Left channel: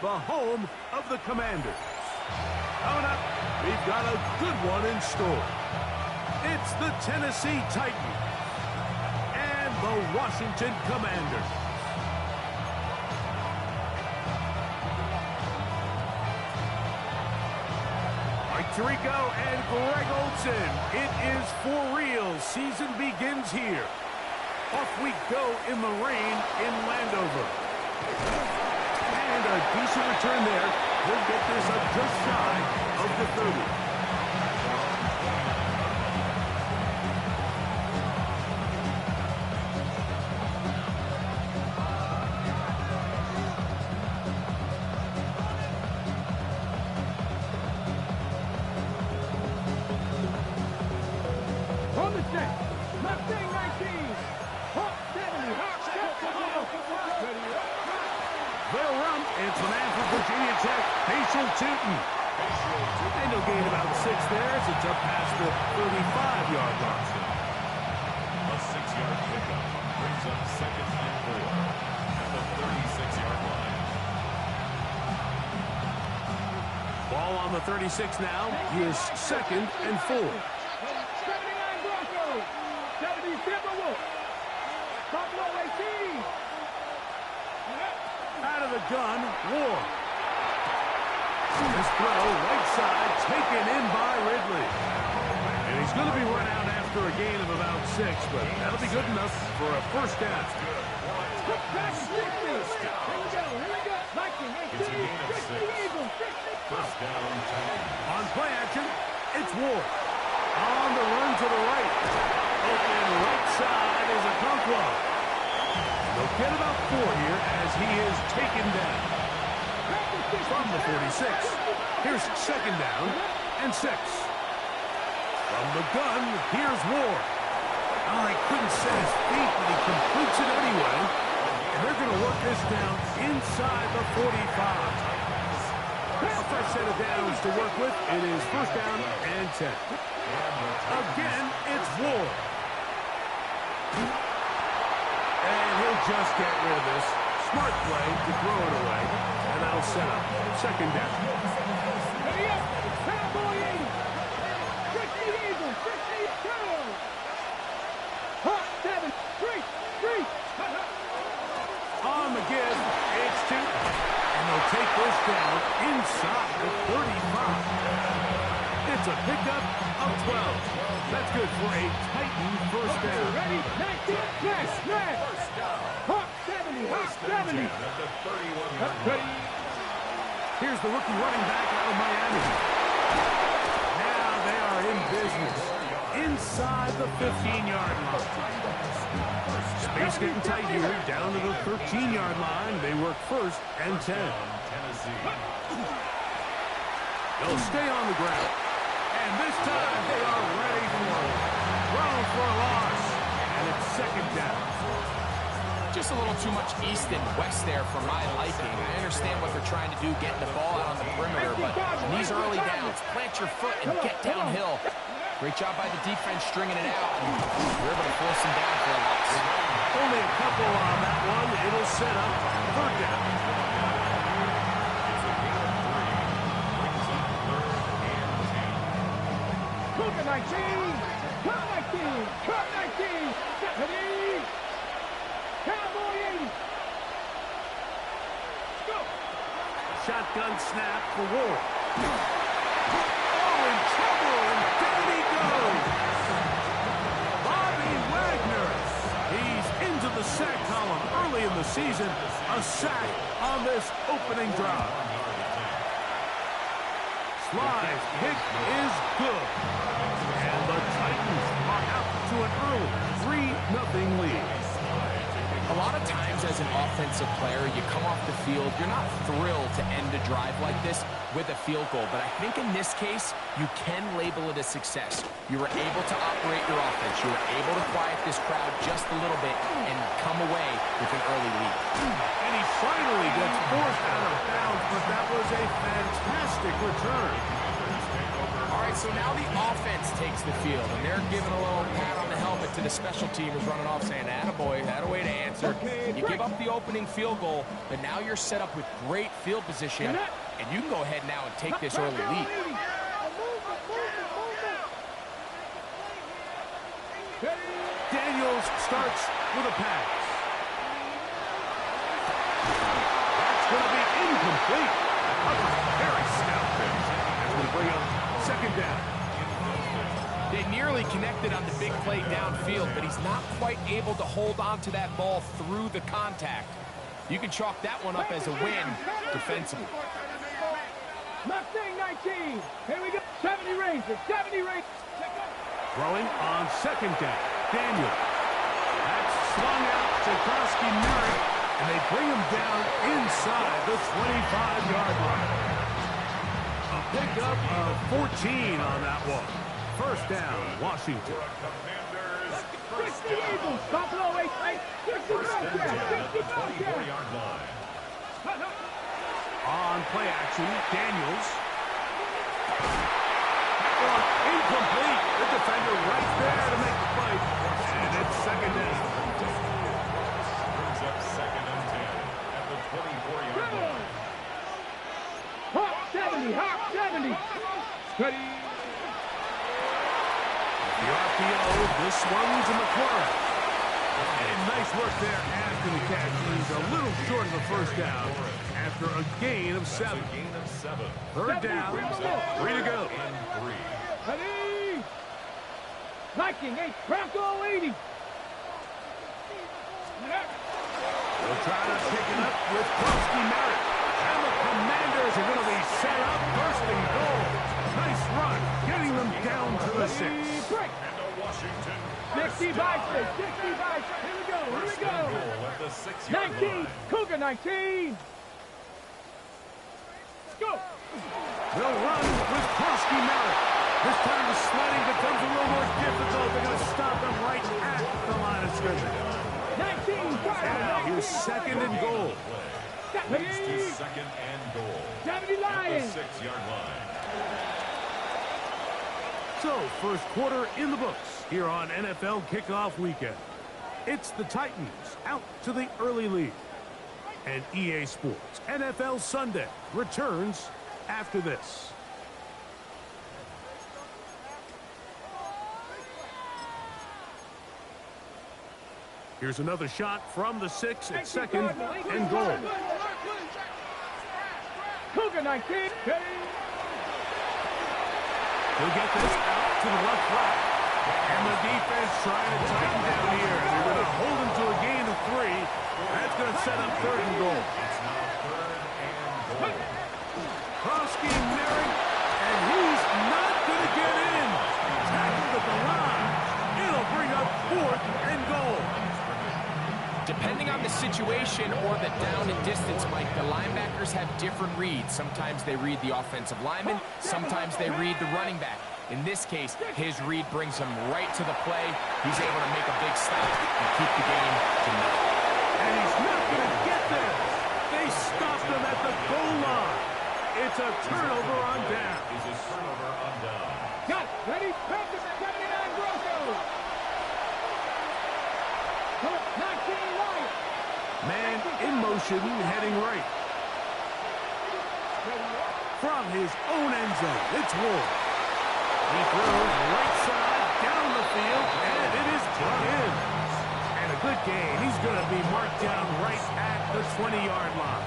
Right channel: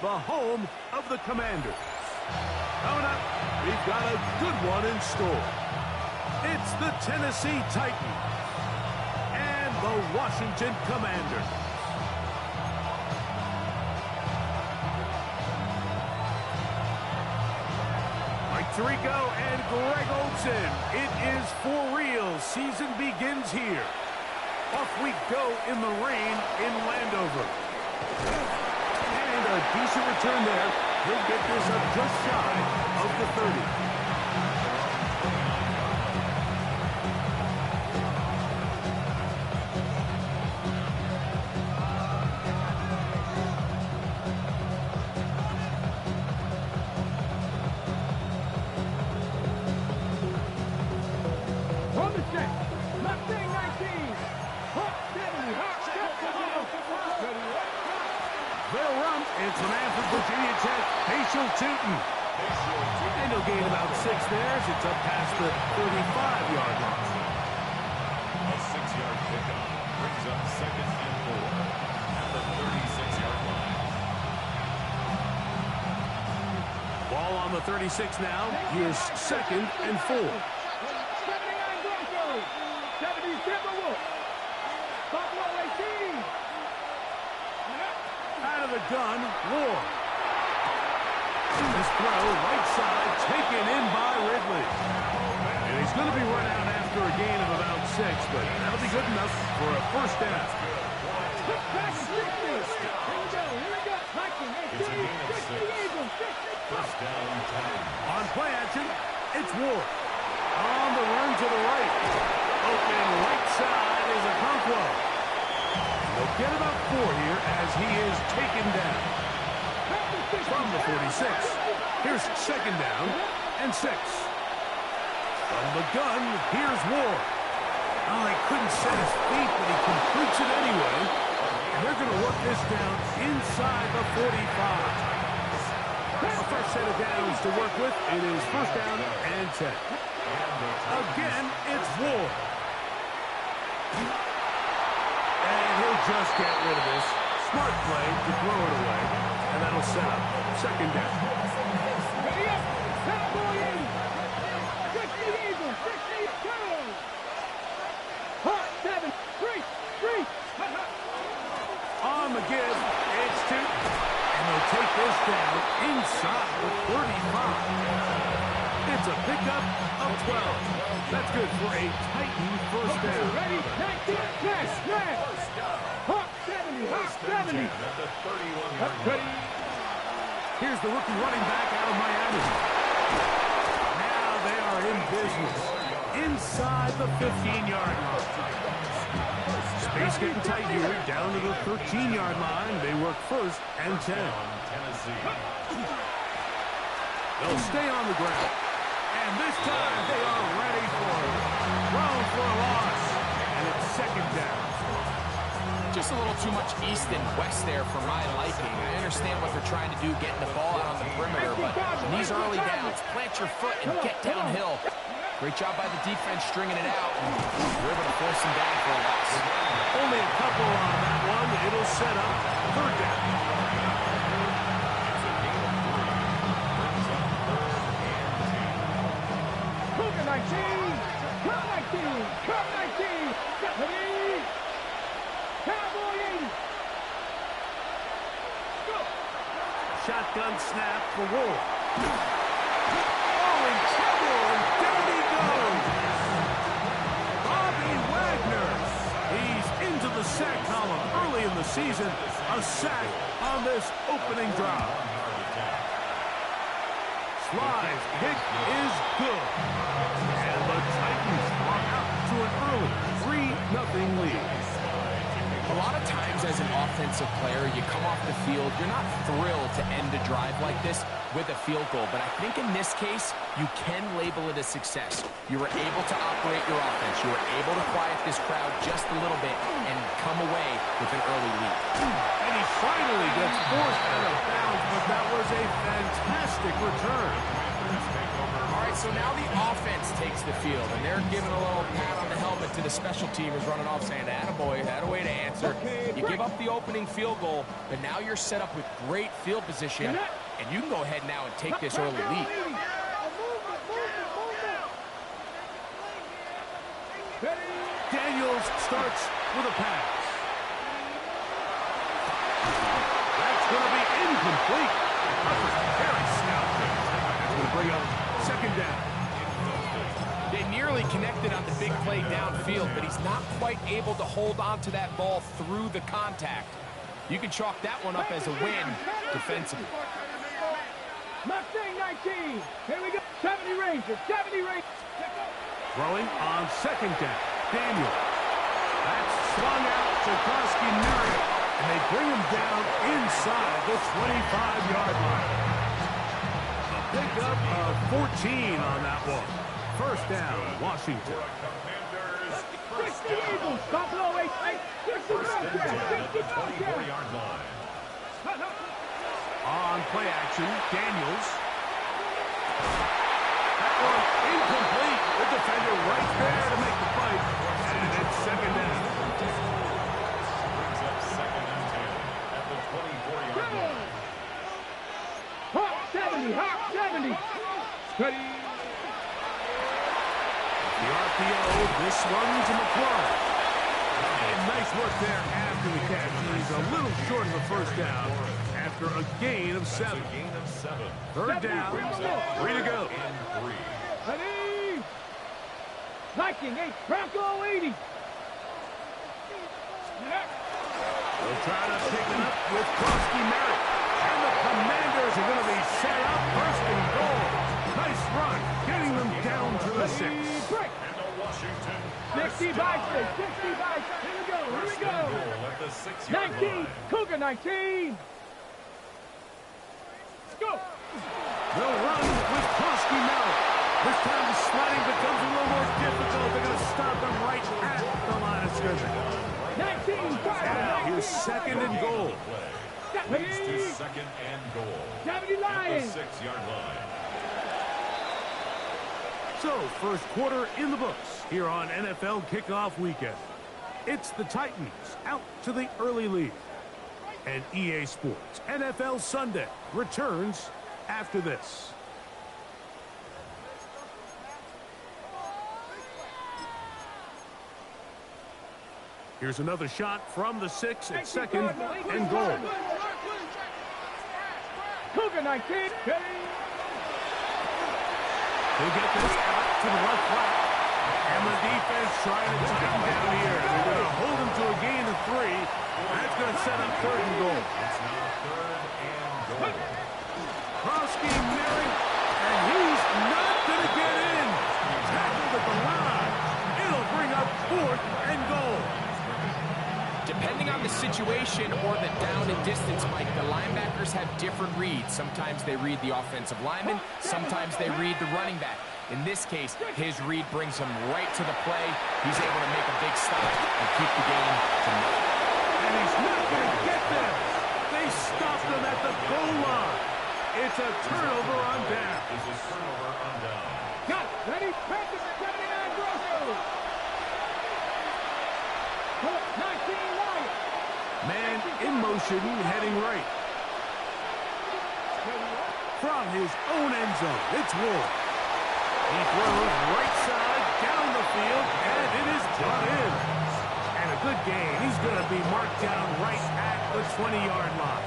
the home of the Commanders. Coming up, we've got a good one in store. It's the Tennessee Titans and the Washington Commanders. Mike Tirico and Greg Olsen. It is for real. Season begins here. Off we go in the rain in Landover. And a decent return there. He'll get this up just shy of the 30. On the set. Mustang 19. Hawk 70. Hawk 70. They'll run. It's the man from Virginia Tech, Paschal Tootin. And he'll gain about 6 there as it's up past the 35-yard line. A 6-yard pickup brings up 2nd and 4 at the 36-yard line. Ball on the 36 now. Here's 2nd and 4. 79 Broncos. 70 Timberwolves. Buffalo 18. Out of the gun, Ward. This throw, right side, taken in by Ridley. And he's going to be run out after a gain of about 6, but that'll be good enough for a first down. Back 60. Here we go. Viking 18. It's a gain of 6. Eagles 60. First down, 10. On play action, it's Ward. On the run to the right. Open right side is Okonkwo. And they'll get about 4 here as he is taken down. From the 46. Here's 2nd down and 6. From the gun, here's Ward. Oh, he couldn't set his feet, but he completes it anyway. And they're going to work this down inside the 45. A fresh set of downs to work with. It is first down and 10. Again, it's Ward. And he'll just get rid of this. Smart play to throw it away. And that'll set up 2nd down. Ready up. Cowboy 80. 60 Eagles. 62. Hawk 7. 3. On the give, it's 2. And they'll take this down inside the 35. It's a pickup of 12. That's good for a Titan first down. Ready? 19. Yes. Hawk 70. Hawk 70. At the 31-yard line. Here's the rookie running back out of Miami. Now they are in business. Inside the 15-yard line. Space getting tight here. Down to the 13-yard line. They work 1st and 10. Tennessee. They'll stay on the ground. And this time they are ready for it. Thrown for a loss. And it's 2nd down. Just a little too much east and west there for my liking. I understand what they're trying to do, getting the ball out on the perimeter, but in these early downs, plant your foot and get downhill. Great job by the defense stringing it out. You're able to force them down for a loss. Only a couple on that one. It'll set up 3rd down. It's a gain of 3. Brings up 3rd and 10. Cougar 19. Cup 19. Cup 19. Stephanie. Cowboy 80. Go. Shotgun snap for Ward. Oh, in trouble, and down he goes. Bobby Wagner. He's into the sack column early in the season. A sack on this opening drive. Sly's pick is good. And the Titans are out to an early 3-0 lead. A lot of times as an offensive player, you come off the field, you're not thrilled to end a drive like this with a field goal. But I think in this case, you can label it a success. You were able to operate your offense. You were able to quiet this crowd just a little bit and come away with an early lead. And he finally gets forced out of bounds, but but that was a fantastic return. All right, so now the offense takes the field, and they're giving a little pat on the helmet to the special teamers running off, saying, attaboy, had a way to answer. You give up the opening field goal, but now you're set up with great field position, and you can go ahead now and take this early lead. Daniels starts with a pass. That's going to be incomplete. Covered very stout there. That's going to bring up second down. They nearly connected on the big play downfield, but he's not quite able to hold on to that ball through the contact. You can chalk that one up as a win defensively. Mustang 19. Here we go. 70 Rangers. 70 Rangers. Throwing on second down. Daniel. That's swung out to Kroski-Merritt, and they bring him down inside the 25-yard line. A pickup of 14 on that one. First down, Washington. 60 Eagles. Buffalo 8. 60 24-yard line. On play action, Daniels. That one incomplete. The defender right there to make the fight. And it's second down. Brings up second and 10 at the 24-yard line. Hawk 70. Hawk 70. Ready. The RPO, this one to McLaurin. And nice work there after the catch. He's a little short of the first down after a gain of 7. That's a gain of 7. Third down, 3 to go. And 3. Ready. Viking 8. Bronco 80. They'll try to pick it up with Kroski-Merritt. And the Commanders are going to be set up first and goal. Nice run, getting them down to the 6. Break. And a Washington 60 by 6. 60 by 6. Here we go. Here we go. goal at the 6-yard 19. line. Cougar 19. Go. They'll run with Kroski-Merritt. This time the sliding becomes a little more difficult. They're going to stop him right at the line of scrimmage. 19. Now here's second and goal. Leads to second and goal 70 at the Lions. 6-yard line. So, first quarter in the books here on NFL Kickoff Weekend. It's the Titans out to the early lead. And EA Sports NFL Sunday returns after this. Here's another shot from the 6 at second and goal. Cougar 19. Ready. He'll get this out to the left flat. And the defense trying to tighten down here. They're going to hold him to a gain of 3. That's going to set up third and goal. It's now third and goal. Kroski-Merritt, and he's not going to get in. Tackled at the line. It'll bring up fourth and goal. Depending on the situation or the down and distance, Mike, the linebackers have different reads. Sometimes they read the offensive lineman. Sometimes they read the running back. In this case, his read brings him right to the play. He's able to make a big stop and keep the game to nothing. And he's not going to get there. They stopped him at the goal line. It's a turnover on down. Is a turnover on down. Got it. Ready. Panthers 79 Broncos. 19 Lions. Man in motion, heading right. From his own end zone, it's Ward. He throws right side, down the field, and it is brought in. And a good gain. He's going to be marked down right at the 20-yard line.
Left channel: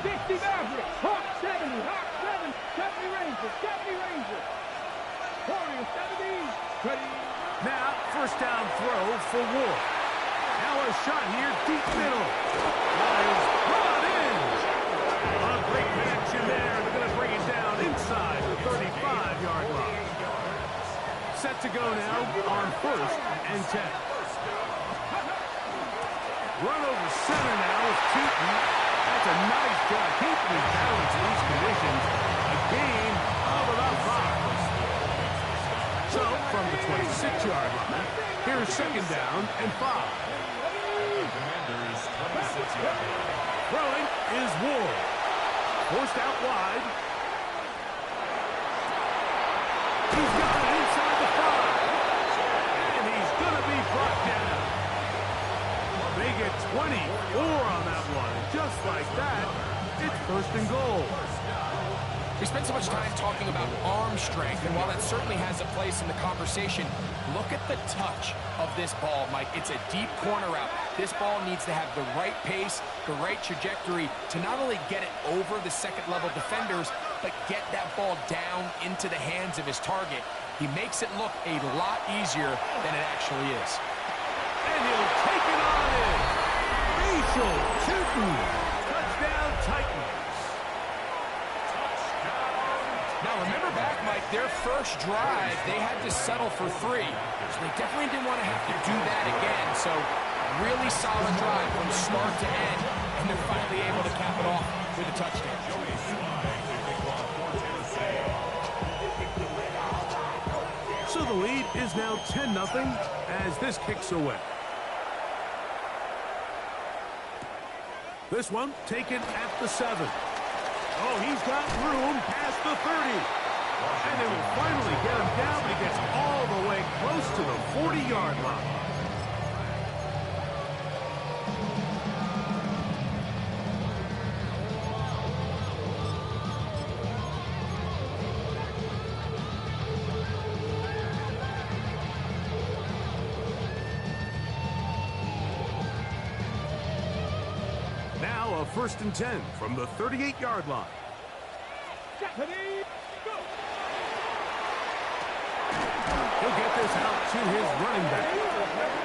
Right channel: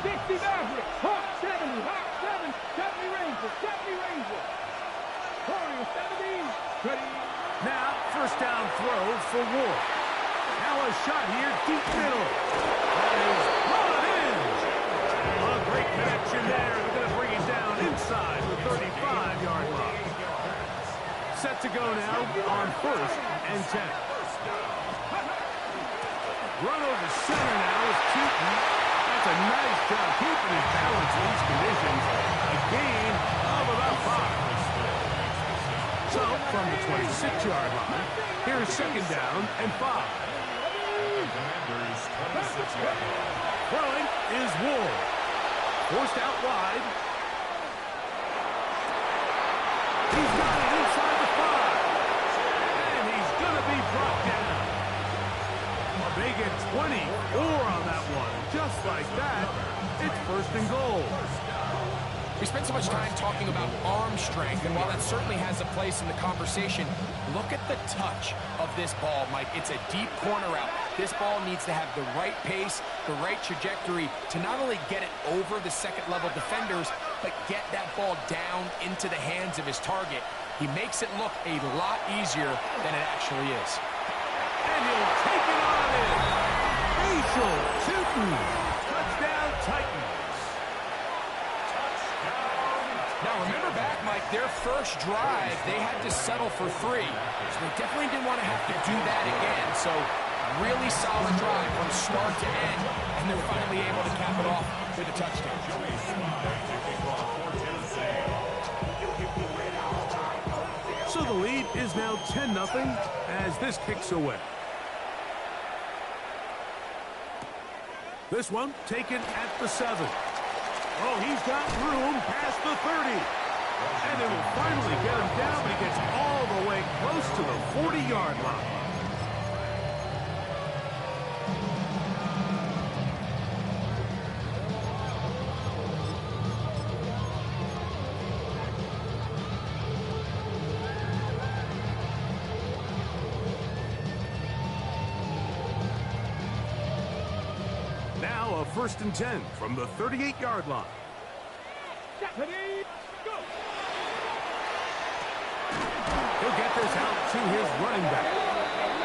60 Maverick. Hawk 70. Hawk 7. 70 Rangers. 70 Rangers. Warriors 70. Ready. Now, first down throw for Ward. Now a shot here, deep middle. That is brought in. A great connection there. They're going to bring it down inside the 35-yard line. Set to go now on first and 10. Run over center now with Tootin. That's a nice job keeping his balance in these conditions. A gain of about 5. So, from the 26-yard line, here's second down and 5. The Commanders 6-yard line. Throwing is Ward. Forced out wide. He's got it inside the 5. And he's going to be brought down. They get 24 on that one. And just like that, it's 1st and goal. We spent so much time talking about arm strength, and while that certainly has a place in the conversation, look at the touch of this ball, Mike. It's a deep corner route. This ball needs to have the right pace, the right trajectory to not only get it over the second-level defenders, but get that ball down into the hands of his target. He makes it look a lot easier than it actually is. And he'll take it on in. Facial shooting. Touchdown, Titans. Now, remember back, Mike, their first drive, they had to settle for 3. So they definitely didn't want to have to do that again. So really solid drive from start to end, and they're finally able to cap it off with a touchdown. Joey Slye to kick off for Tennessee. So the lead is now 10-0 as this kicks away. This one taken at the 7. Oh, he's got room past the 30. And they will finally get him down, but he gets all the way close to the 40-yard line. Now a 1st and 10 from the 38-yard line. He'll get this out to his running back.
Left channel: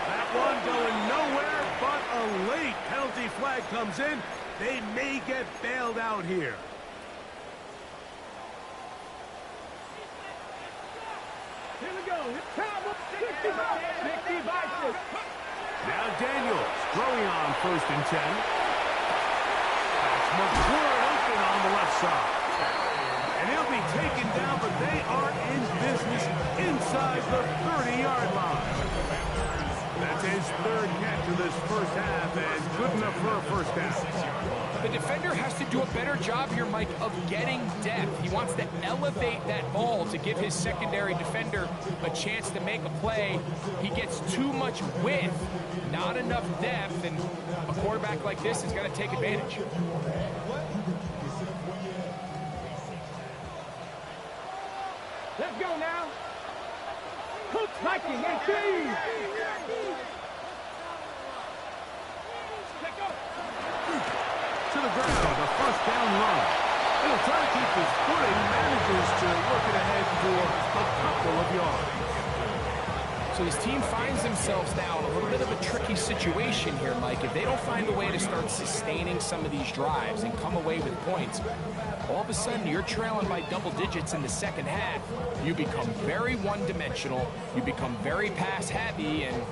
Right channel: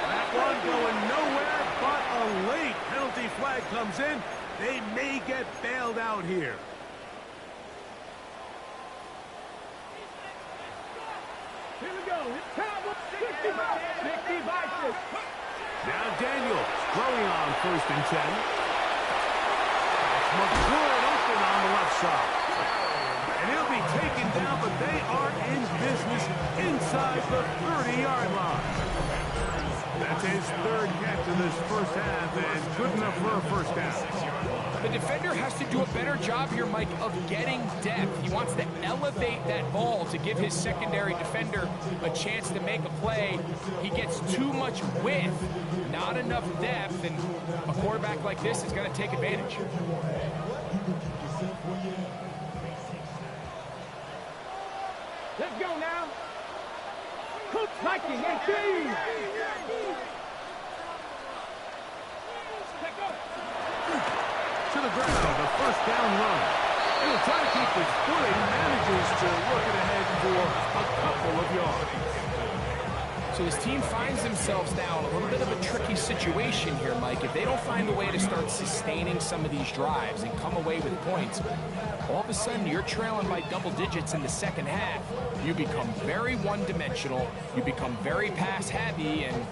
That one going nowhere, but a late penalty flag comes in. They may get bailed out here. Here we go. It's Cowboys 65. Now Daniels throwing on 1st and 10. That's McCord open on the left side. And he'll be taken down, but they are in business inside the 30-yard line. That's his 3rd catch of this first half, and good enough for a first down. The defender has to do a better job here, Mike, of getting depth. He wants to elevate that ball to give his secondary defender a chance to make a play. He gets too much width, not enough depth, and a quarterback like this is going to take advantage. Let's go now. Coach Viking 18. To the ground, a first down run. He'll try to keep his footing, manages to work it ahead for a couple of yards. So his team finds themselves now in a little bit of a tricky situation here, Mike. If they don't find a way to start sustaining some of these drives and come away with points, all of a sudden you're trailing by double digits in the second half. You become very one-dimensional, you become very pass-heavy, and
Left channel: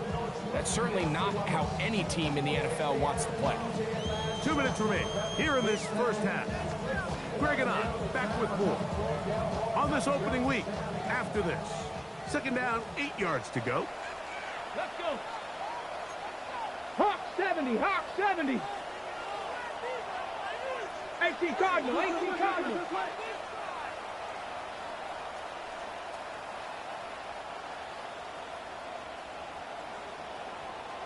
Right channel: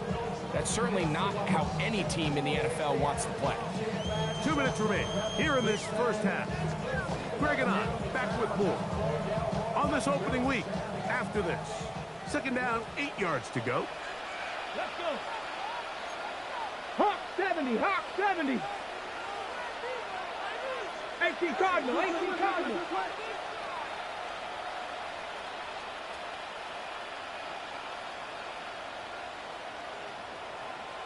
that's certainly not how any team in the NFL wants to play. 2 minutes remain here in this first half. Greg and I back with more on this opening week after this. 2nd down, 8 yards to go. Let's go. Hawk 70, Hawk 70. 18 Cardinal, 18 Cardinal.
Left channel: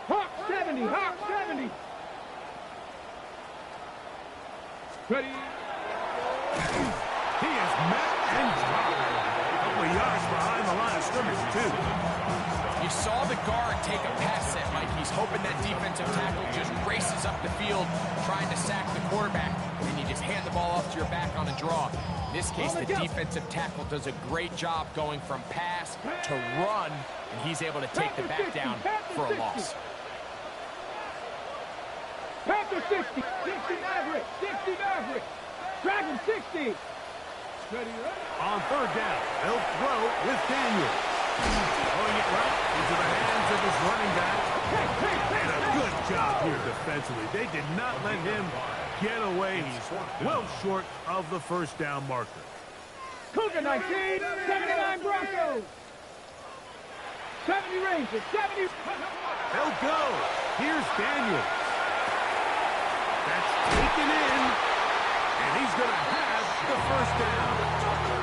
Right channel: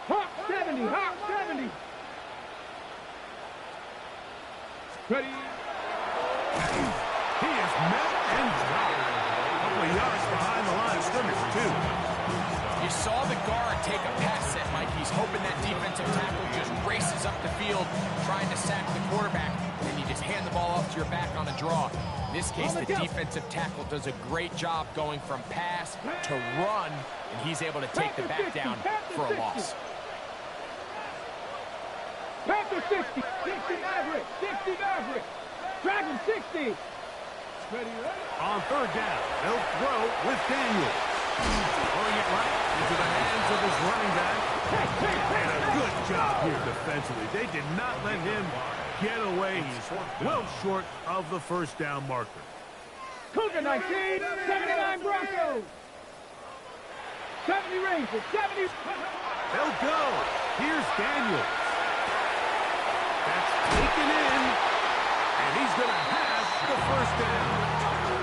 Hawk 70, Hawk 70. Ready. He is met and dropped. A couple of yards behind the line of scrimmage, too. You saw the guard take a pass set, Mike. He's hoping that defensive tackle just races up the field trying to sack the quarterback, and then you just hand the ball off to your back on a draw. In this case, the defensive tackle does a great job going from pass to run, and he's able to take the back down for a loss. Panther 60, 60 Maverick, 60 Maverick. Dragon 60. Ready. On 3rd down, they'll throw with Daniels. Throwing it right into the hands of his running back. And a good job here defensively. They did not let him get away. He's well short of the first down marker. Cougar 19, 79 Broncos. 70 Rangers, 70. They'll go. Here's Daniels. taken in, and he's going to have the first down.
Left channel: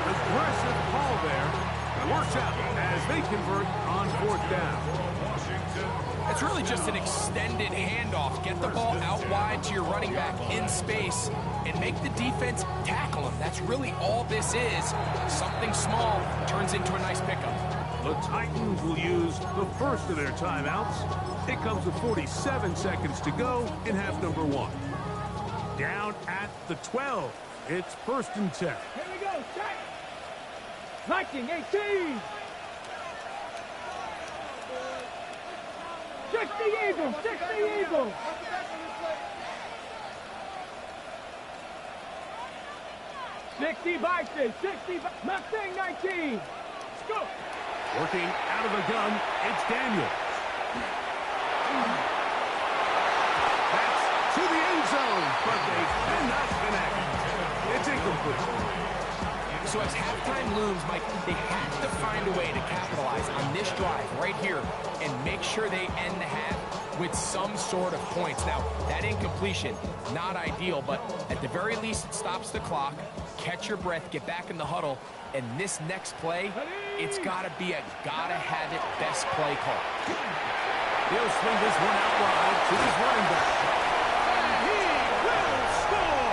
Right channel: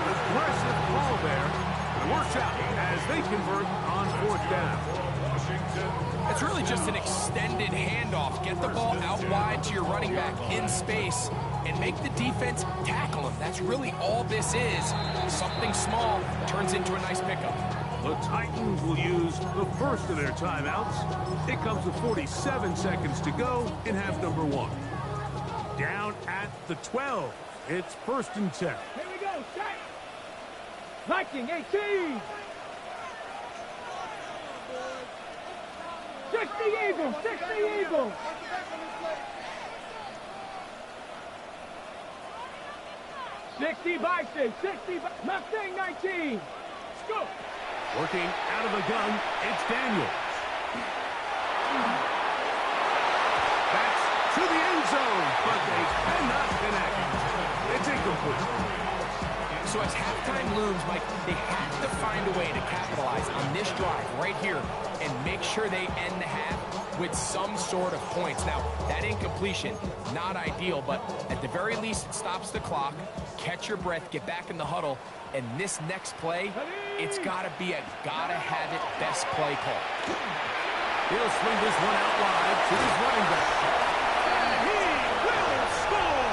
Aggressive call there. Works out as they convert on fourth down. It's really just an extended handoff. Get the ball out wide to your running back in space and make the defense tackle him. That's really all this is. Something small turns into a nice pickup. The Titans will use the first of their timeouts. It comes with 47 seconds to go in half number one. Down at the 12. It's first and 10. Here we go. Set. Viking 18. 60 Eagles. 60 Eagles. 60 Vikings. 60 Mustang 19. Scoop. Working out of the gun, it's Daniel. That's to the end zone, but they cannot connect. It's incomplete. So as halftime looms, Mike, they have to find a way to capitalize on this drive right here and make sure they end the half with some sort of points. Now, that incompletion, not ideal, but at the very least, it stops the clock. Catch your breath, get back in the huddle, and this next play, it's got to be a gotta-have-it best play call. He'll swing this one out wide to his running back. And he will score!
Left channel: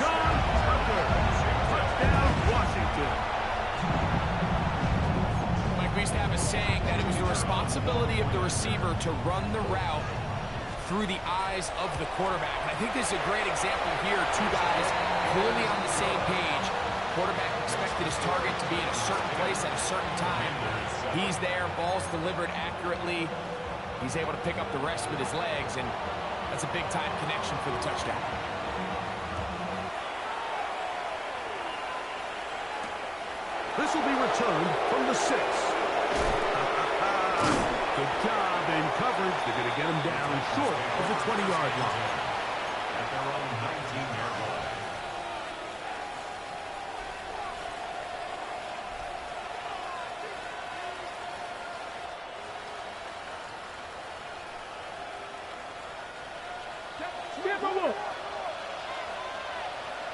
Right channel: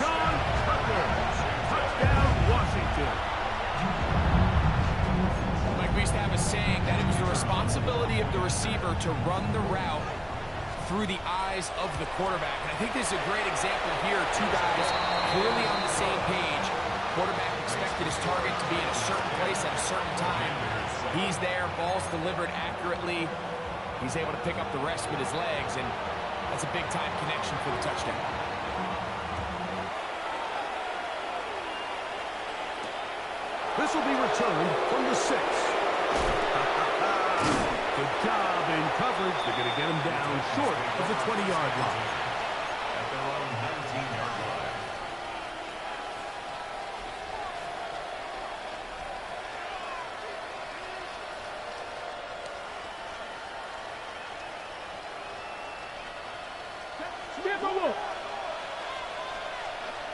John Tucker. Touchdown, Washington. Mike, we used to have a saying that it was the responsibility of the receiver to run the route through the eyes of the quarterback. And I think this is a great example here. Two guys clearly on the same page. Quarterback expected his target to be in a certain place at a certain time. He's there, ball's delivered accurately. He's able to pick up the rest with his legs, and that's a big-time connection for the touchdown. This will be returned from the 6. Good job in coverage. They're going to get him down short of the 20-yard line. At their own 19-yard line. Timberwolf.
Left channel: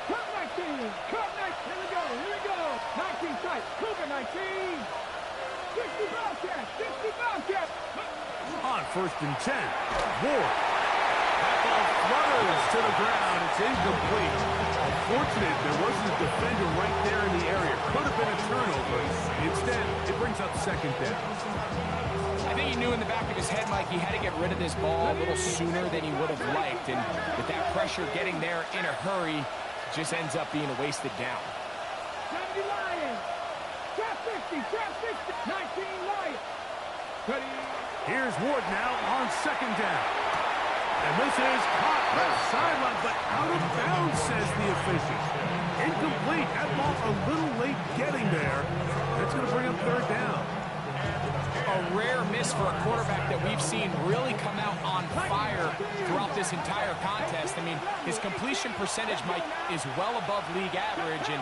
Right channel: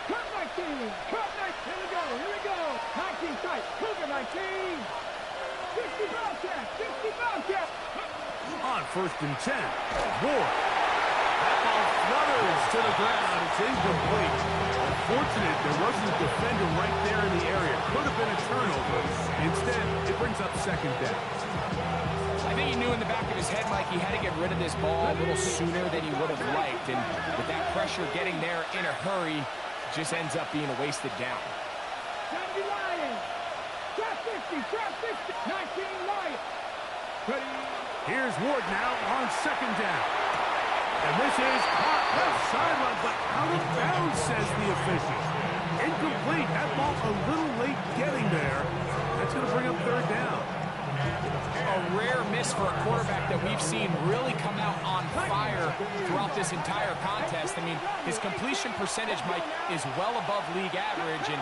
Cut 19. Cut 19. Here we go. Here we go. 19 tight. Cougar 19. 60 Bobcat. 60 Bobcat. On first and 10, Ward. That ball flutters to the ground. It's incomplete. Unfortunate there wasn't a defender right there in the area. Could have been a turnover. Instead, it brings up second down. I think he knew in the back of his head, Mike, he had to get rid of this ball a little sooner than he would have liked. And with that pressure getting there in a hurry, just ends up being a wasted down. 70 Lions. Trap 50. Trap 50. 19 Lions. Ready. Here's Ward now on second down. And this is caught left sideline, but out of bounds, says the official. Incomplete. That ball a little late getting there. That's going to bring up third down. A rare miss for a quarterback that we've seen really come out on fire throughout this entire contest. I mean, his completion percentage, Mike, is well above league average, and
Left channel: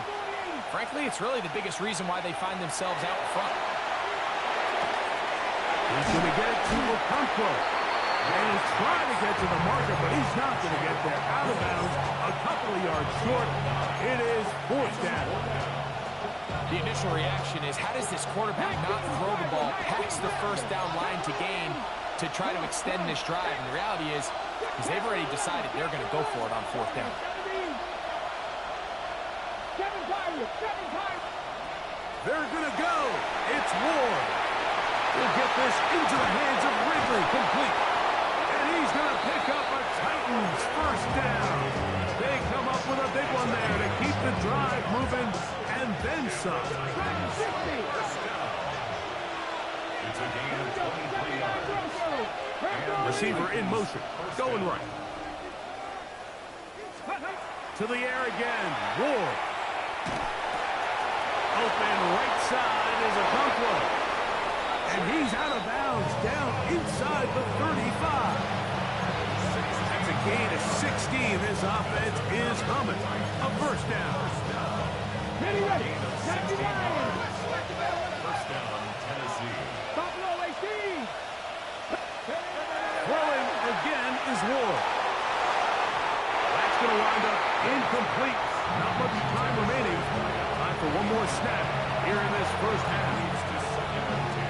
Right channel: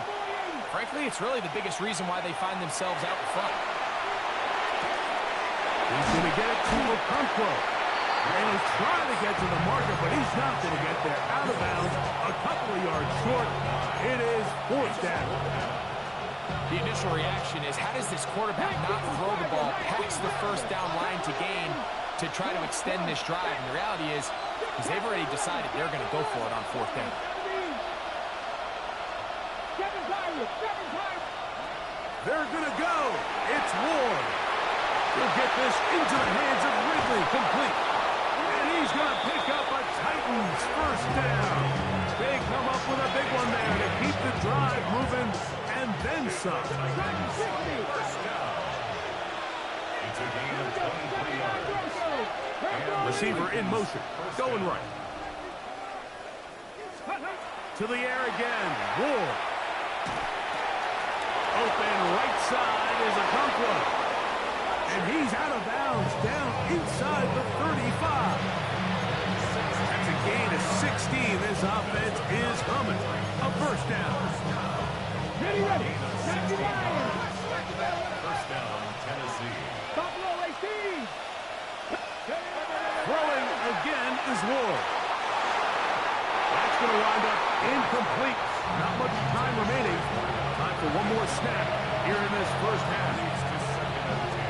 frankly, it's really the biggest reason why they find themselves out in front. He's going to get it to Okonkwo. And he's trying to get to the marker, but he's not going to get there. Out of bounds, a couple of yards short. It is fourth down. The initial reaction is, how does this quarterback not throw the ball past the first down line to gain to try to extend this drive? And the reality is they've already decided they're going to go for it on fourth down. 7 Pirates. 7 Pirates. They're going to go. It's Ward. He'll get this into the hands of Ridley, complete. And he's going to pick up a Titans first down. They come up with a big one there to keep the drive moving, and then some. First down. It's a gain of 23 yards. Receiver in motion, going right. To the air again, Ward. Open right side is Okonkwo. And he's out of bounds, down inside the 35. That's a gain of 16. This offense is humming. A first down. Ready, ready. First down, Tennessee. Buffalo 18. Throwing again is Ward. That going to wind up incomplete. Not much time remaining. Time for one more snap here in this first half.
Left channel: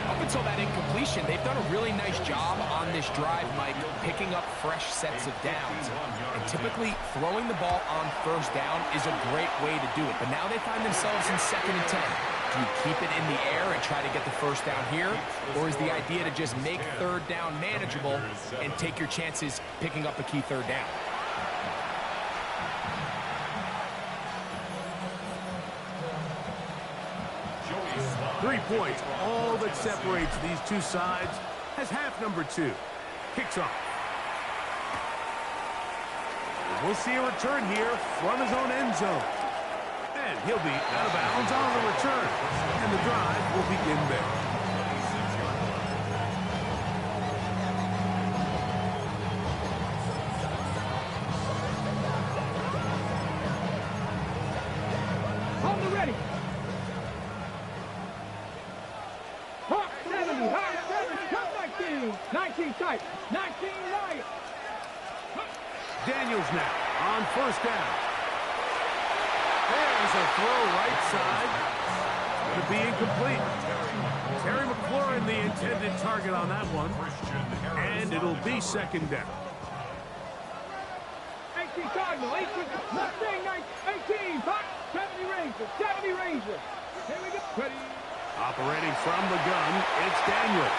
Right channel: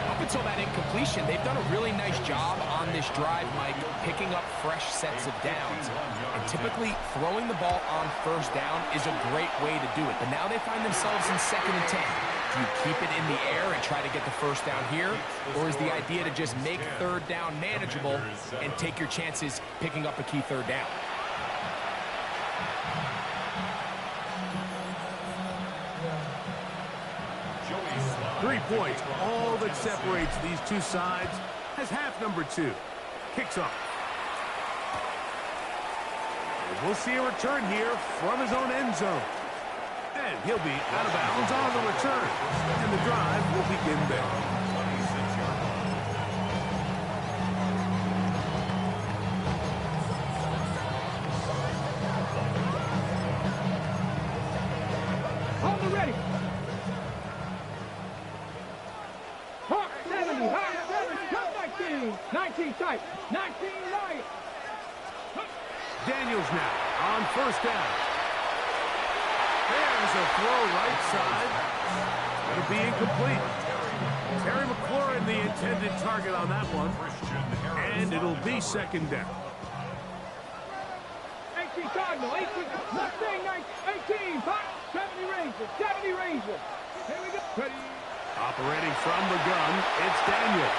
Up until that incompletion, they've done a really nice job on this drive, Mike, picking up fresh sets of downs. And typically, throwing the ball on first down is a great way to do it. But now they find themselves in 2nd and 10. Do you keep it in the air and try to get the first down here? Or is the idea to just make 3rd down manageable and take your chances picking up a key 3rd down? 3 points, all that separates these two sides, as half number 2 kicks off. And we'll see a return here from his own end zone. And he'll be out of bounds on the return. And the drive will begin there. On the ready. Hawk 70, Hawk 7, cut 19. 19 tight, 19 right. Daniels now on first down. There's a throw right side. Going to be incomplete. Terry McLaurin, the intended target on that one. And it'll be 2nd down. 18 Cardinal, 18, Mustang 18, Hawk 70 Ranger, 70 Ranger. Here we go. Ready. Operating from the gun, it's Daniels.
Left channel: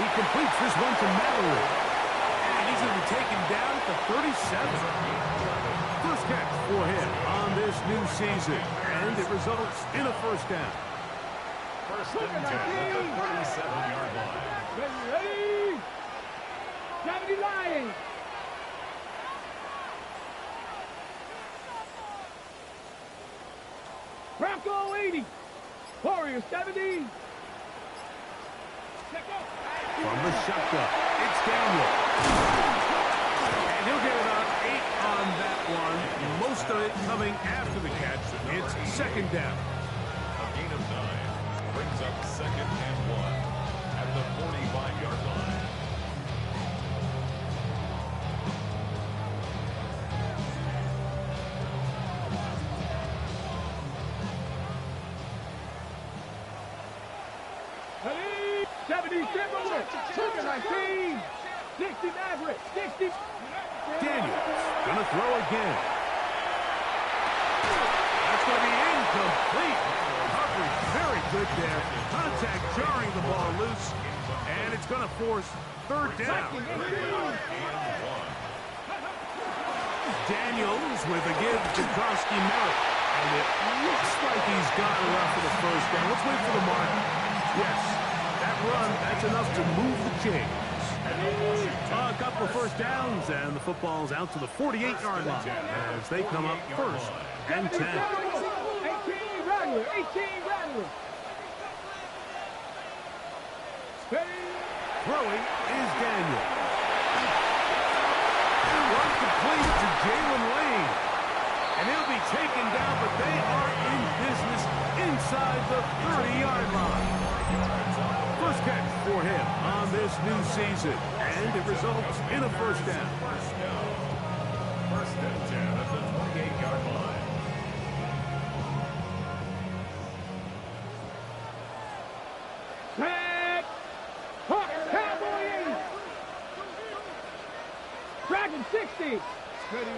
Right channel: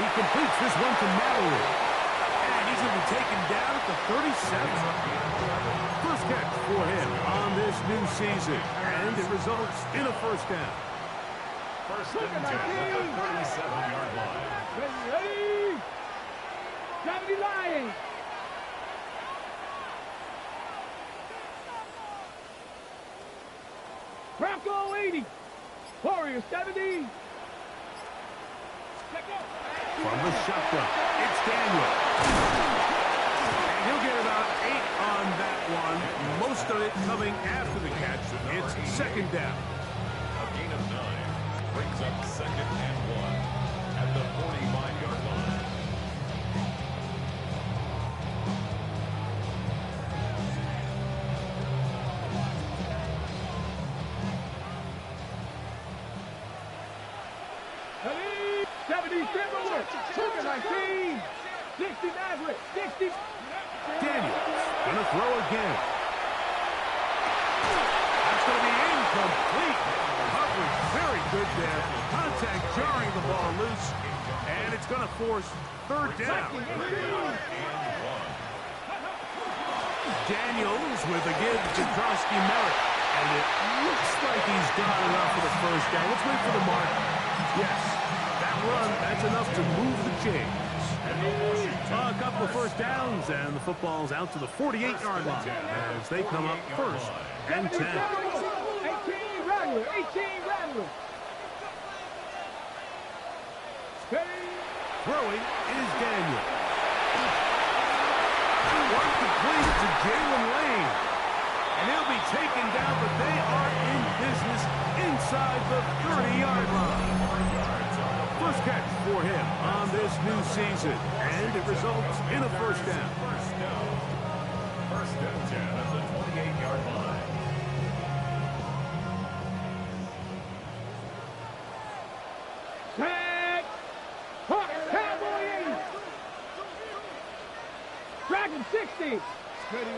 He completes this one to Mallory. And he's going to be taken down at the 37. First catch for him on this new season. And it results in a first down. First and 10 at the 37-yard line. Ready. 70 Lions. Bronco 80. Warrior 70. From the shotgun, it's Daniel. And he'll get about 8 on that one. Most of it coming after the catch. It's 2nd down. A gain of 9 brings up 2nd and 1 at the 45-yard line. Ready. 70 Timberwolves. 19. 60 Maverick. 60. Daniels gonna throw again. That's gonna be incomplete. Coverage very good there. Contact jarring the ball loose. And it's gonna force 3rd down. Daniels with a give to Drosky Merritt. And it looks like he's got enough for the first down. Let's wait for the mark. Yes, that run, that's enough to move the chains. A couple of first downs, and the football's out to the 48-yard line as they come up 1st and 10. 18 Rattler. 18 Rattler. Throwing is Daniel. One complete to Jalen Lane. And he'll be taken down, but they are in business inside the 30-yard line. First catch for him on this new season, and it results in a first down. First and 10 at the 28-yard line. Set. Hawk Cowboy 80. Dragon 60. Ready.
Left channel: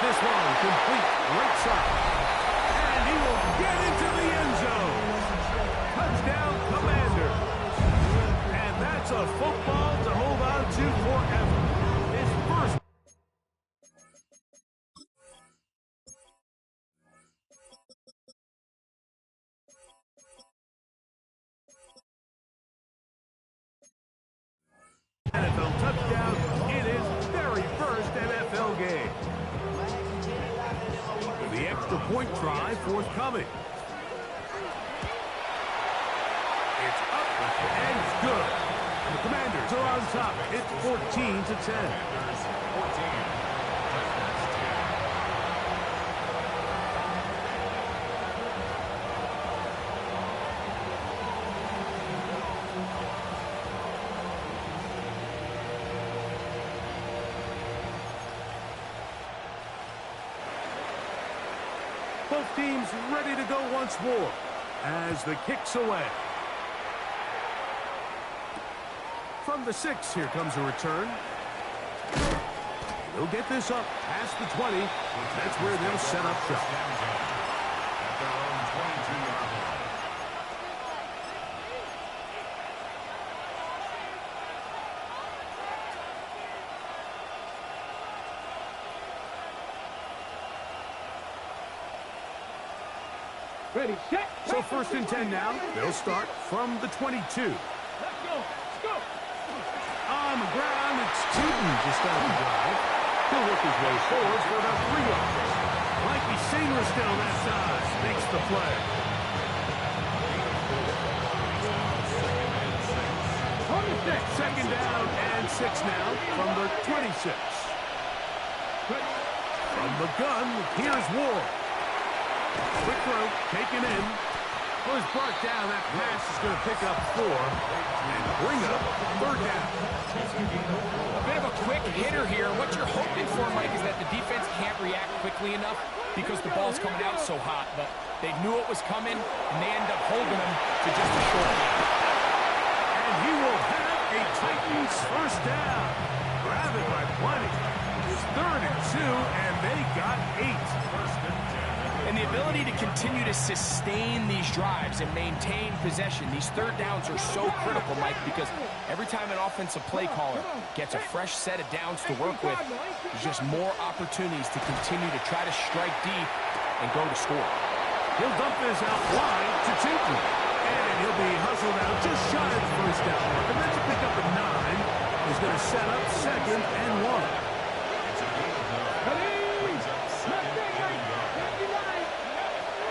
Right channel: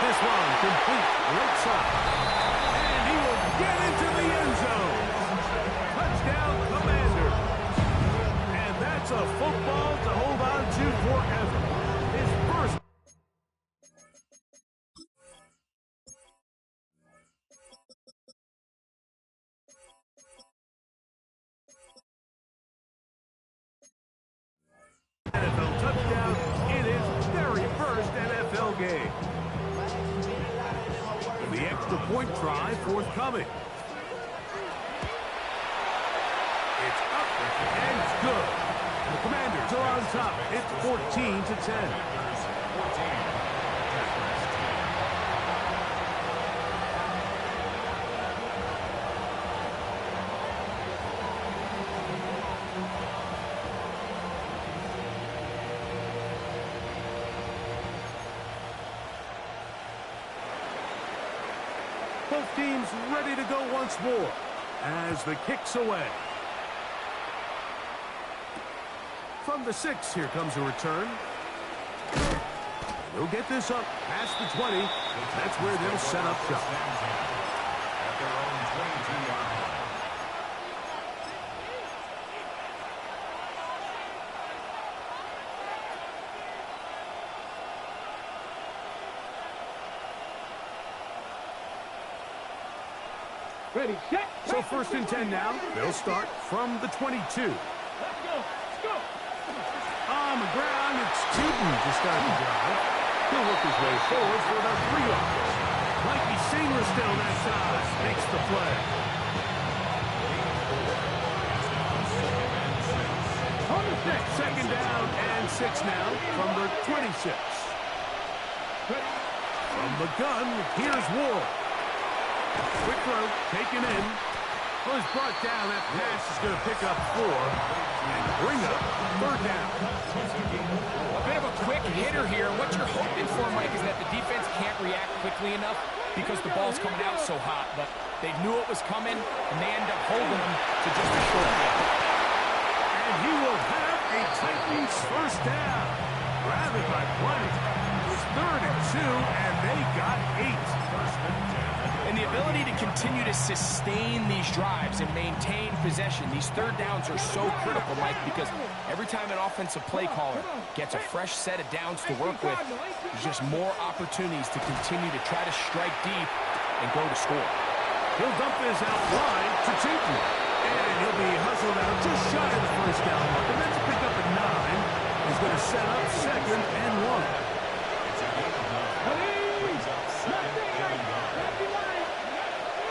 This one complete right side. And he will get into the end zone. Touchdown, Commander. And that's a football to hold on to forever. His first. NFL touchdown in his very first NFL game. The extra point try forthcoming. It's up and it's good. And the Commanders are on top. It's 14-10. 14. Texans 10. Both teams ready to go once more as the kick's away. From the 6, here comes a return. He'll get this up past the 20. That's where they'll set up shop. At their own 22-yard line. Ready, set. So 1st and 10 now. They'll start from the 22. Let's go. Let's go. On the ground, it's Tootin to start the drive. He'll work his way forward for about 3 yards. Mikey Singer still that side. Makes the play. On the 6. 2nd down and 6 now from the 26. From the gun, here's Ward. Quick throw, taken in. Well, he's brought down. That pass is going to pick up 4 and bring up 3rd down. A bit of a quick hitter here. What you're hoping for, Mike, is that the defense can't react quickly enough because the ball's coming out so hot. But they knew it was coming, and they end up holding them to just a short game. And he will have a Titans 1st down. Grab it by plenty. It's 3rd and 2, and they got 8. And the ability to continue to sustain these drives and maintain possession, these 3rd downs are so critical, Mike, because every time an offensive play caller gets a fresh set of downs to work with, there's just more opportunities to continue to try to strike deep and go to score. He'll dump this out wide to Tootin. And he'll be hustled out just shy of the 1st down mark. And that's a pick up at 9. He's going to set up 2nd and 1. It's a gain of 9. Brings up 2nd and 1.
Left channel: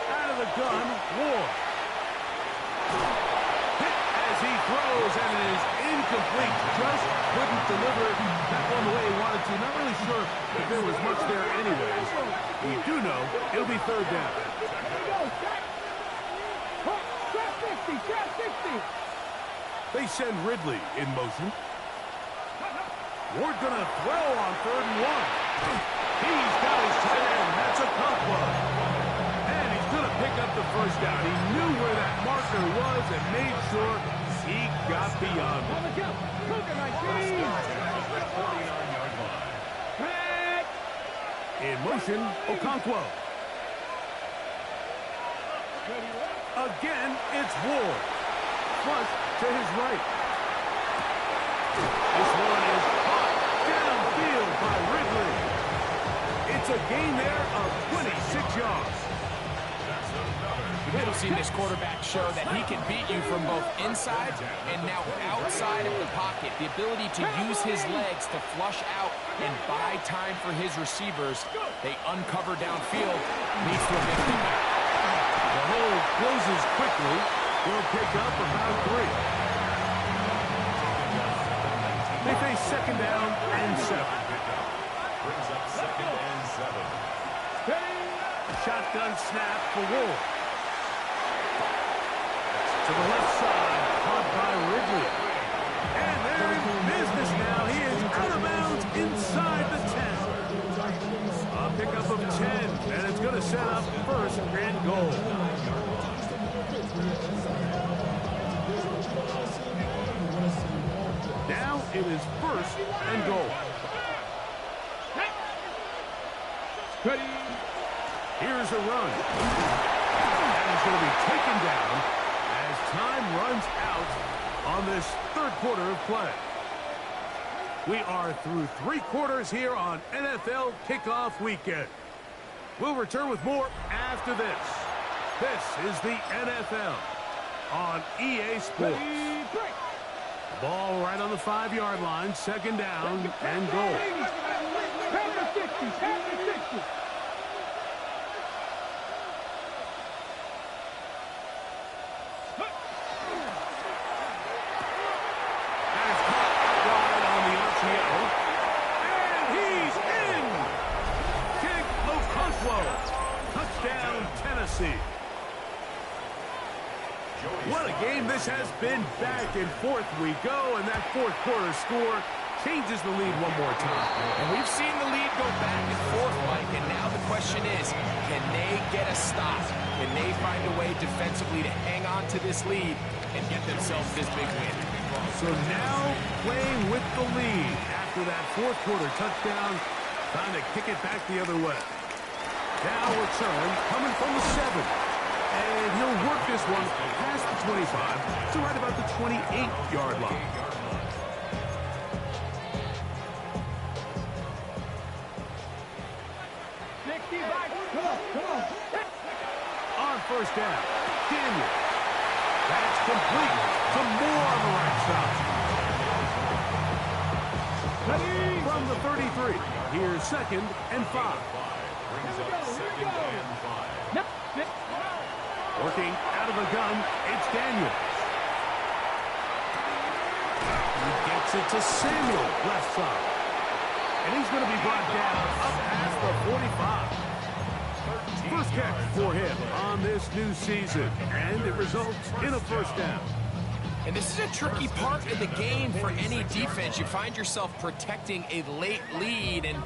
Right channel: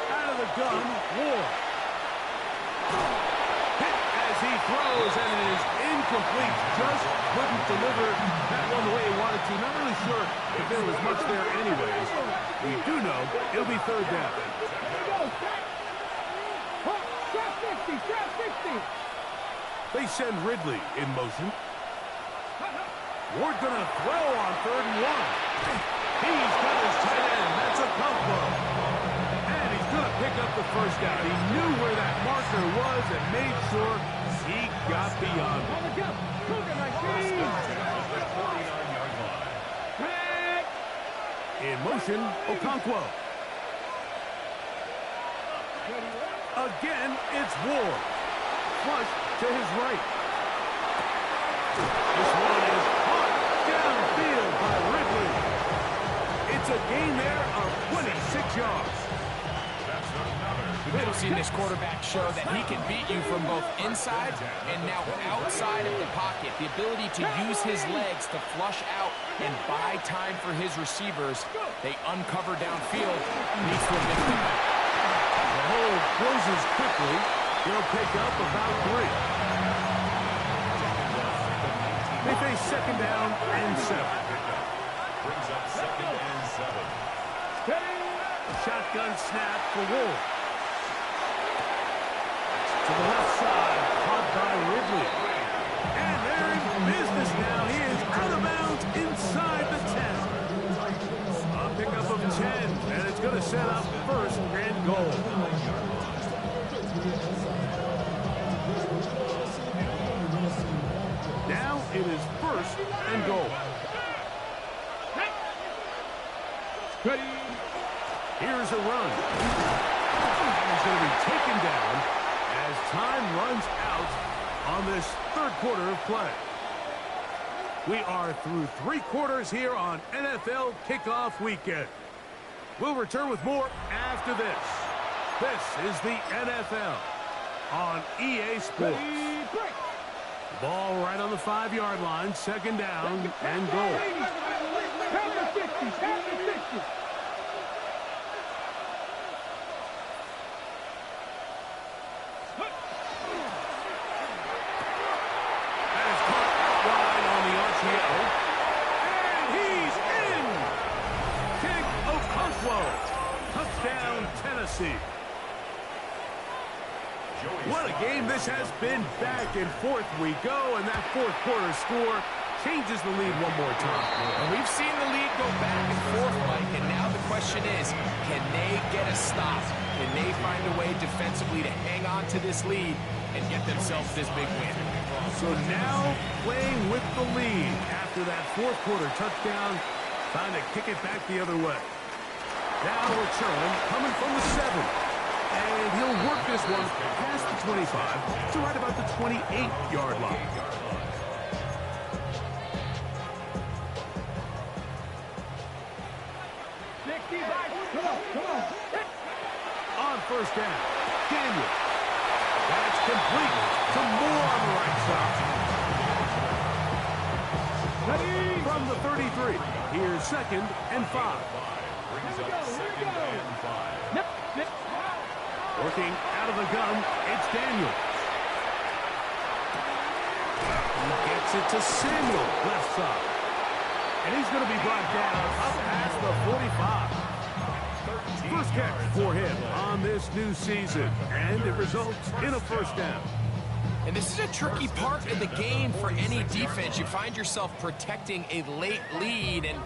Out of the gun, Ward. Hit as he throws, and it is incomplete. Just couldn't deliver that one the way he wanted to. Not really sure if there was much there anyways. We do know it'll be 3rd down. They send Ridley in motion. Ward gonna throw on 3rd and 1. He's got his tight end. That's a Okonkwo. And he's gonna pick up the 1st down. He knew where that marker was and made sure he got beyond it. On the jump. Cougar 19. 49-yard line. In motion, Okonkwo. Again, it's Ward. Flush to his right. This one is caught downfield by Ridley. It's a gain there of 26 yards. That's another. We've seen this quarterback show that he can beat you from both inside and now outside of the pocket. The ability to use his legs to flush out and buy time for his receivers. They uncover downfield, leads to a big pickup. The hole closes quickly. He'll pick up about 3. They face 2nd down and 7. Brings up 2nd and 7. Shotgun snap for Ward. To the left side, caught by Ridley. And they're in business now. He is out of bounds inside the 10. A pickup of 10, and it's going to set up 1st and goal. Now it is 1st and goal. Here's a run. And he's going to be taken down as time runs out on this 3rd quarter of play. We are through 3 quarters here on NFL Kickoff Weekend. We'll return with more after this. This is the NFL on EA Sports. Ball right on the 5-yard line, 2nd down and goal. Pound the 60, pound the 60. That is caught out wide on the RPO. And he's in! King Okonkwo. Touchdown, Tennessee. What a game this has been. Back and forth we go, and that 4th quarter score changes the lead one more time. And we've seen the lead go back and forth, Mike, and now the question is, can they get a stop? Can they find a way defensively to hang on to this lead and get themselves this big win? So now playing with the lead after that fourth quarter touchdown, time to kick it back the other way. Now return coming from the 7. And he'll work this one past the 25 to right about the 28-yard line. On first down, Daniel. That's complete. Some more on the right side. From the 33, here's 2nd and 5. Brings up 2nd and 5. Working out of the gun, it's Daniel. He gets it to Samuel, left side. And he's going to be brought down up past the 45. First catch for him on this new season, and it results in a first down. And this is a tricky part of the game for any defense. You find yourself protecting a late lead, and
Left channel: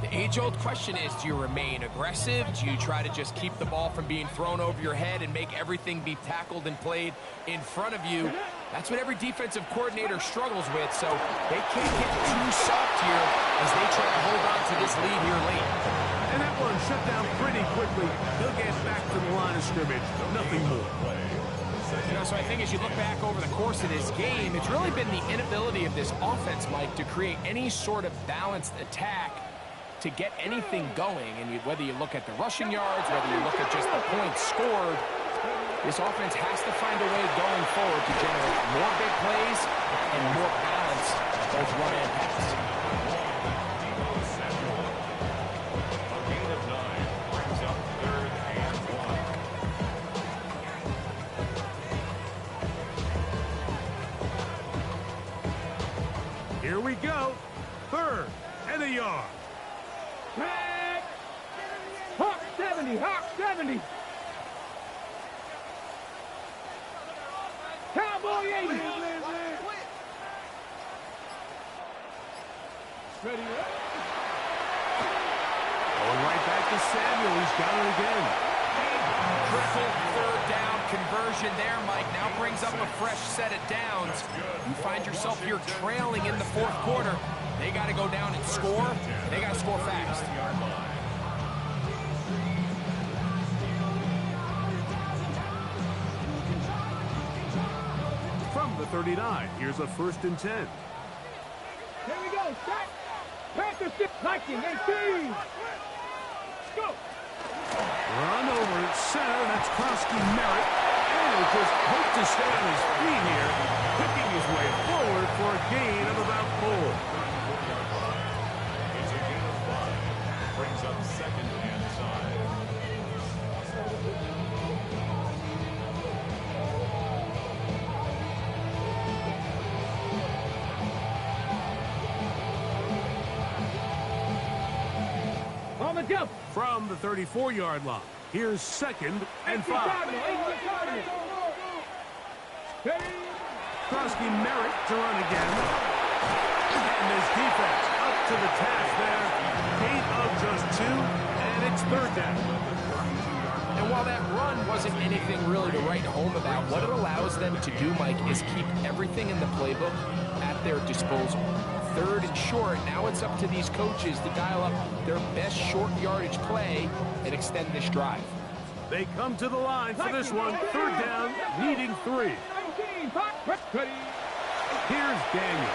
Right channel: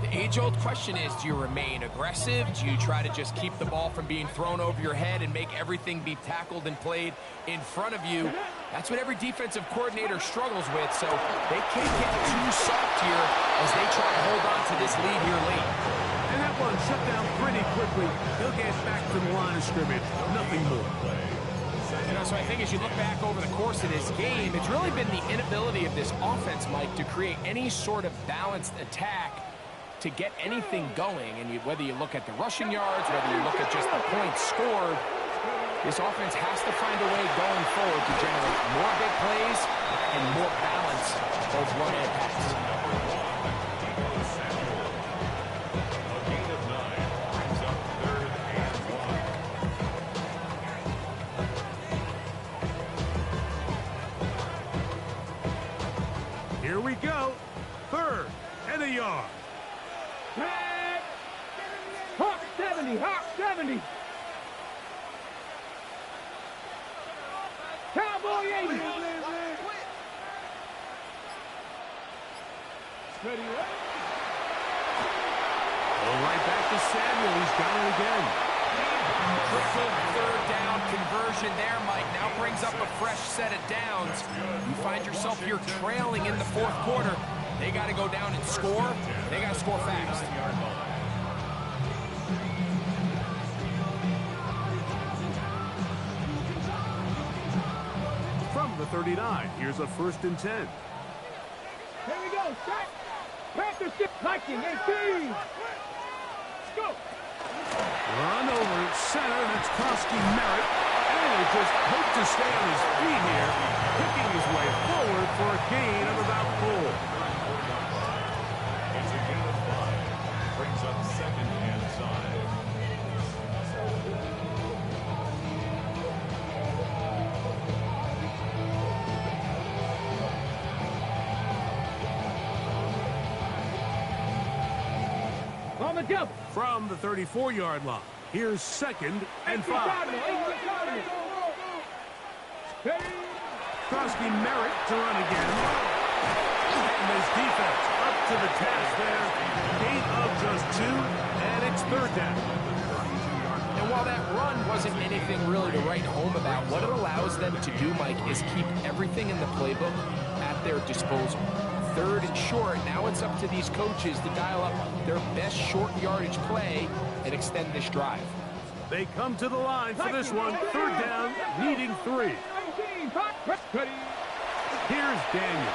the age-old question is, do you remain aggressive? Do you try to just keep the ball from being thrown over your head and make everything be tackled and played in front of you? That's what every defensive coordinator struggles with, so they can't get too soft here as they try to hold on to this lead here late. And that one shut down pretty quickly. He'll get back to the line of scrimmage. Nothing more. You know, so I think as you look back over the course of this game, it's really been the inability of this offense, Mike, to create any sort of balanced attack to get anything going. And whether you look at the rushing yards, whether you look at just the points scored, this offense has to find a way going forward to generate more big plays and more balance, both run and pass. Here we go. 3rd and a yard. Hawk 70, Hawk 70. Cowboy 80. Ready, right? Going right back to Samuel. He's got it again. Critical 3rd down conversion there, Mike. Now brings up a fresh set of downs. You find yourself here trailing in the 4th quarter. They got to go down and score. They got to score fast. From the 39, here's a 1st and 10. Here we go. Set. Panthers 6, Viking 18. Let's go. Run over center. That's Krosky Merritt. And he'll just hope to stay on his feet here, picking his way forward for a gain of about 4. It's a gain of 5. Brings up 2nd and 5. On the double. From the 34-yard line, here's 2nd and 5. Krosky Merritt to run again. And this defense up to the task there. Gain of just 2, and it's 3rd down. And while that run wasn't anything really to write home about, what it allows them to do, Mike, is keep everything in the playbook at their disposal. 3rd and short, now it's up to these coaches to dial up their best short yardage play and extend this drive. They come to the line for this one. 3rd down, needing 3. Here's Daniel.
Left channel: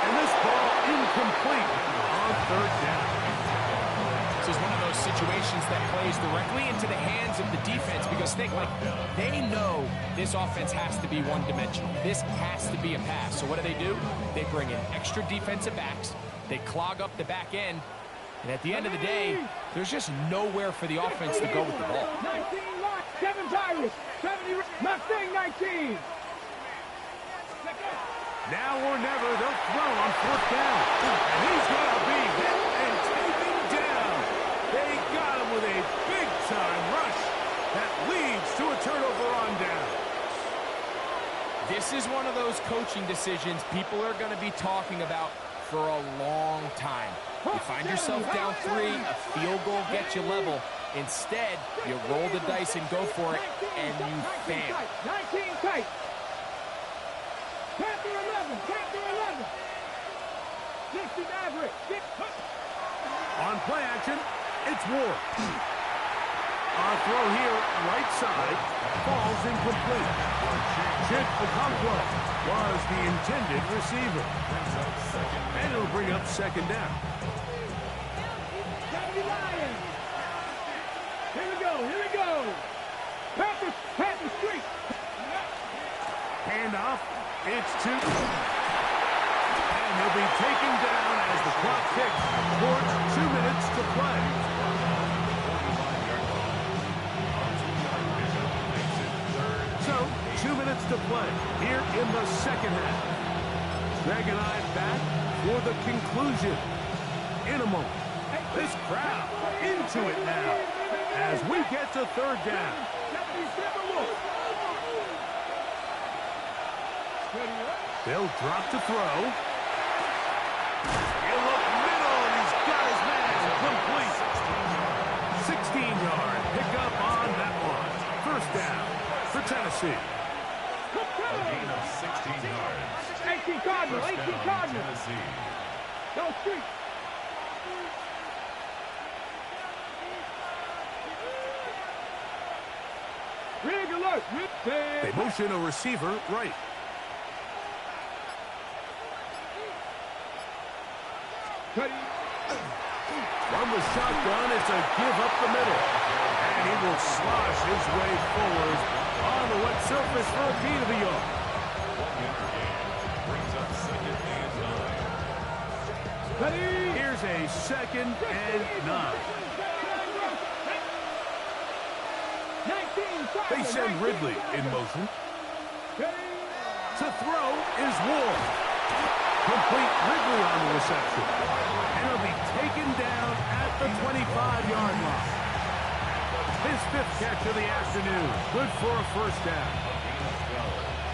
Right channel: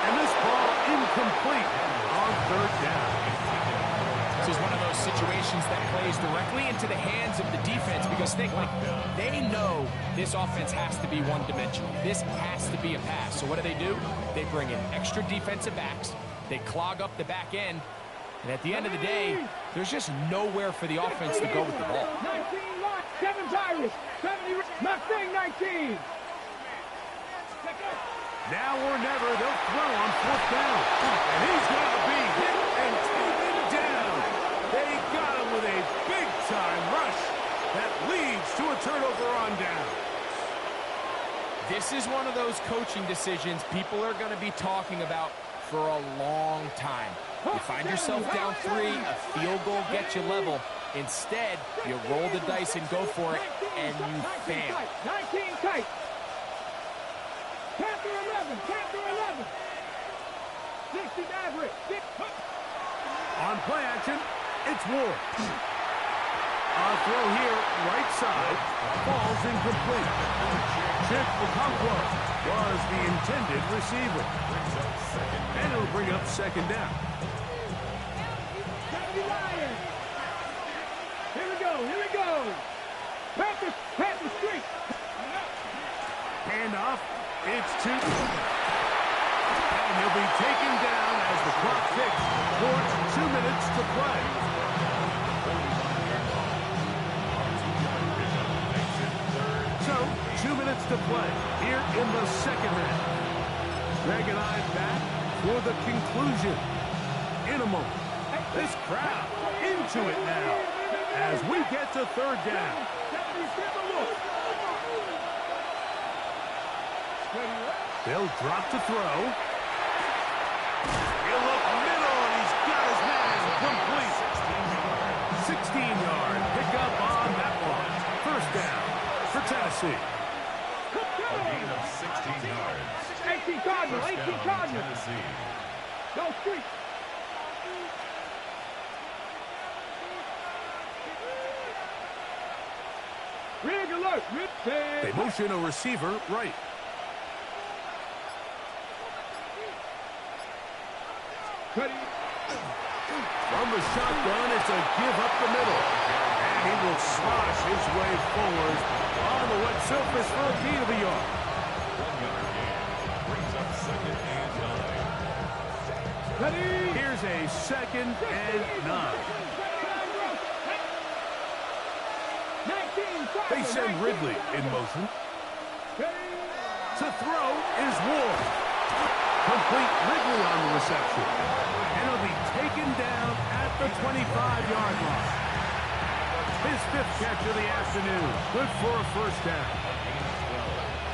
And this ball incomplete on 3rd down. This is one of those situations that plays directly into the hands of the defense because think, like, they know this offense has to be one-dimensional. This has to be a pass. So what do? They bring in extra defensive backs. They clog up the back end. And at the end of the day, there's just nowhere for the offense to go with the ball. 19 lock, 7 Irish, 70 Mustang 19. Now or never, they'll throw on 4th down. And he's going to be hit and taken down. They got him with a big-time rush that leads to a turnover on down. This is one of those coaching decisions people are going to be talking about for a long time. You find yourself down 3, a field goal gets you level. Instead, you roll the dice and go for it, and you fail. 19 tight. Panther 11. Panther 11. 60 Maverick. On play action, it's Ward. A throw here, right side, falls incomplete. Chig Okonkwo was the intended receiver. And it'll bring up second down. Lions. Here we go, here we go. Panther Street. Handoff, it's to... And he'll be taken down as the clock ticks towards 2 minutes to play. So, 2 minutes to play here in the second half. Greg and I back for the conclusion in a moment. This crowd into it now as we get to third down. They'll drop to throw. He'll look middle, and he's got his man complete. 16-yard pickup on that one. First down for Tennessee. A gain of 16 yards. 18 Cardinals, 18 First down, Cardinals. Tennessee. Go Street. Rig alert. They motion a receiver right. From the shotgun, it's a give up the middle. And he will slosh his way forward on the wet surface for a gain of a yard. 1 yard gain. Brings up second and 9. Here's a second and 9. They send Ridley in motion. To throw is Ward. Complete Ridley on the reception. And he'll be taken down at the 25-yard line. His 5th catch of the afternoon. Good for a first down.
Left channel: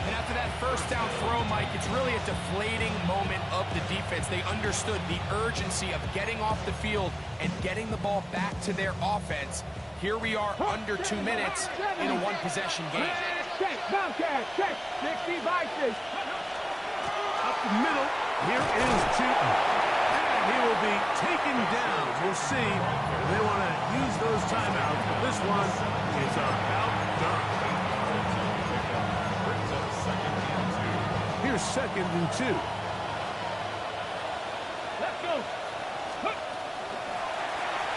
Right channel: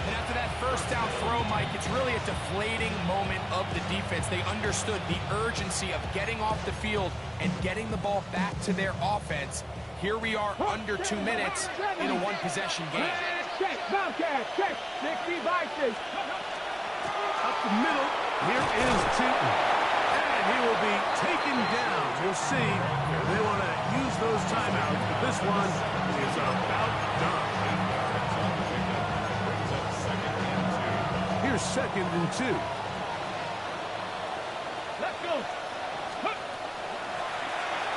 And after that first down throw, Mike, it's really a deflating moment of the defense. They understood the urgency of getting off the field and getting the ball back to their offense. Here we are under 2 minutes in a one-possession game. Check, Bobcat, check. 60 Vikings. Up the middle, here is Tootin. And he will be taken down. We'll see. They want to use those timeouts, but this one is about done. Brings up second and 2. Here's second and 2. Let's go.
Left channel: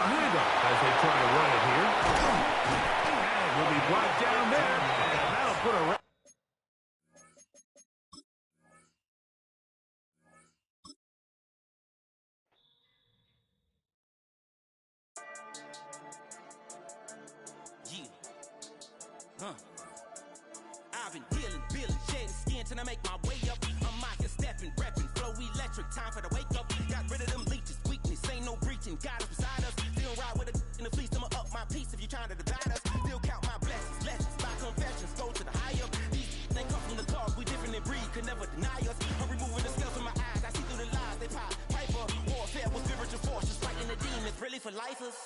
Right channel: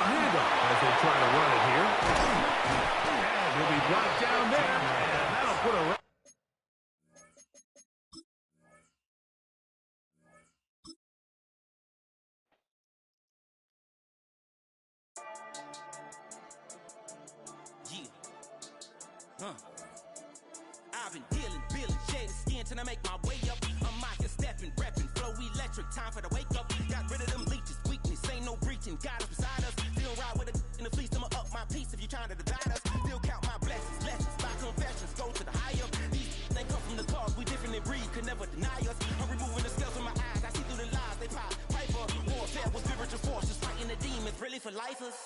A handoff as they try to run it here. And he'll be brought down there, and that'll put a... I've been healing, feeling, shedding skin till I make my way up. I'm mocking, stepping, repping, flow electric, time for the wake up. Got rid of them leeches, weakness, ain't no breaching. God is beside us, still ride with a in the fleece. I'ma up my piece if you trying to divide us. Still count my blessings, lessons, by confessions, go to the high up. These they come from the cause, we different in breed, could never deny us. I'm removing the scales from my eyes, I see through the lies they pop. Piper, warfare with spiritual forces, fighting the demons, really for lifers.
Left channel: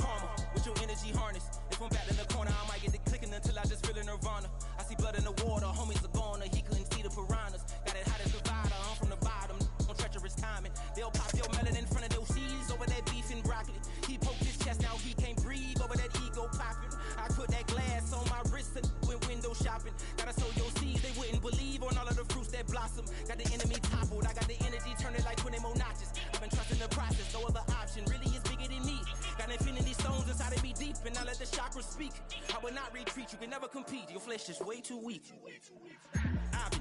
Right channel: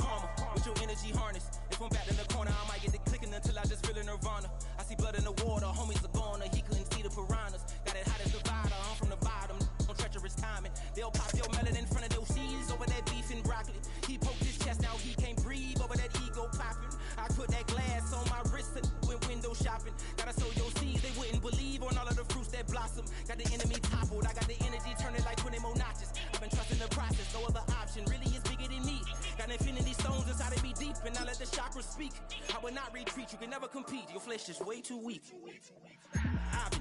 Karma, with your energy harness. If I'm back in the corner, I might get it clicking until I just feel a nirvana. I see blood in the water, homies are gone, he couldn't see the piranhas. Got it hot as divider, I'm from the bottom, on treacherous timing. They'll pop your melon in front of those seeds over that beef and broccoli. He poked his chest, now he can't breathe over that ego popping. I put that glass on my wrist and went window shopping. Gotta sow your seeds, they wouldn't believe on all of the fruits that blossom. Got the enemy toppled, I got the energy turning like 20 more notches. I've been trusting the process, no other option really is bigger than me. Got infinity stones inside of me deep, and I let the chakras speak. I will not retreat, you can never compete, your flesh is way too weak. I've